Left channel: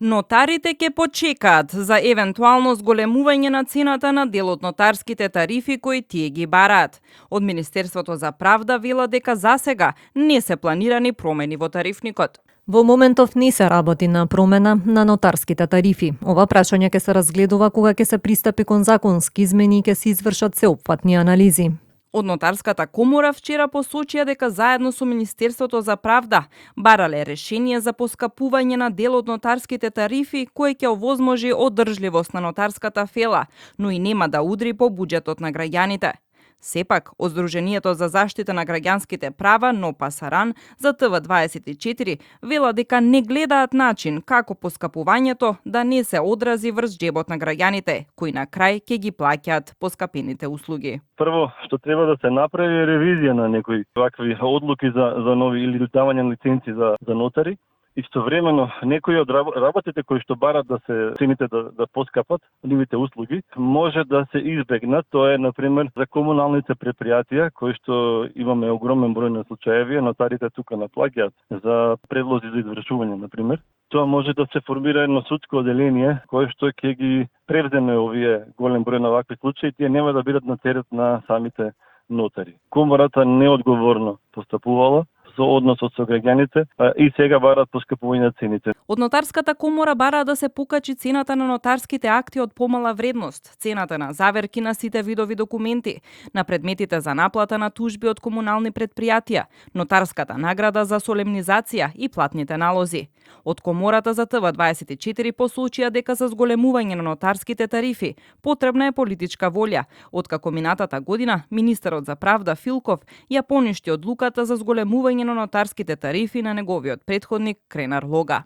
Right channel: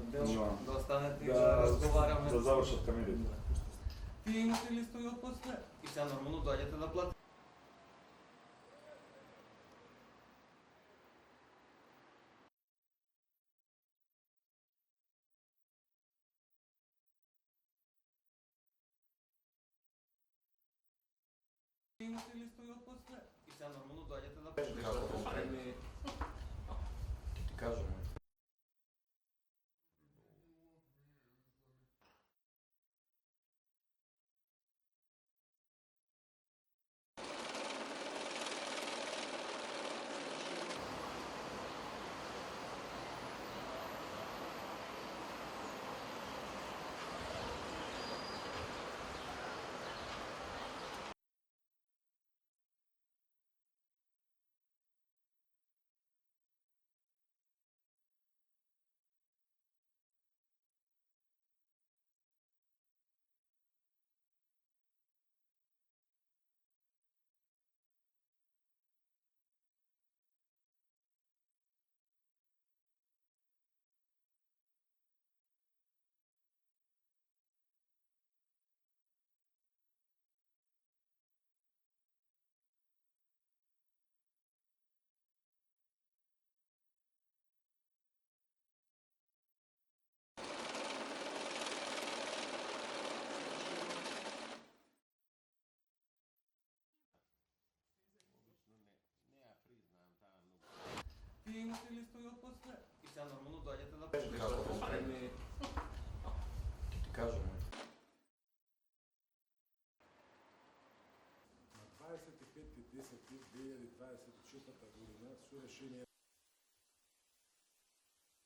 Нотарите ќе почекаат за евентуално зголемување на цената на дел од нотарските тарифи кои тие ги бараат. Од Министерството за правда вела дека засега не се планирани промени во тарифникот. Во моментов не се работи на промена на нотарските тарифи. Ова прашање ќе се разгледува кога ќе се пристапи кон законски измени и ќе се извршат сеопфатни анализи. Од Нотарската комора вчера посочија дека заедно со Министерството за правда барале решение за поскапување на дел од нотарските тарифи кој ќе овозможи одржливост на нотарската фела, но и нема да удри по буџетот на граѓаните. Сепак, Здруженијето за заштита на граѓанските права НОПАСАРАН за ТВ24 вела дека не гледаат начин како поскапувањето да не се одрази врз џебот на граѓаните, кои на крај ќе ги плаќаат поскапените услуги. Прво што треба да се направи е ревизија на некои вакви одлуки за нови или давање на лиценци за нотари. Истовремено, некои од работите кои што барат да се цените да поскапат, нивните услуги, може да се избегнат. Тоа е, например, за комуналните предпријатија, кои што имаме огромен број на случаеви, нотарите тука наплаќаат за предлози за извршување, например. Тоа може да се формира едно судско оделение, кое што ќе ги превземе овие голем број на вакви случаи, тие нема да бидат на терет на самите нотари. Комората неодговорно постапувала со односот со граѓаните и сега бараат поскапување на цените. Од Нотарската комора бараат да се покачи цената на нотарските акти од помала вредност, цената на заверки на сите видови документи, на предметите за наплата на тужби од комунални предпријатија, нотарската награда за солемнизација и платните налози. Од комората за ТВ24 посочија дека за зголемување на нотарските тарифи потребна е политичка волја, откако минатата година министерот за правда Филков ја поништи одлуката за зголемување на нотарските тарифи на неговиот претходник Кренар Лога.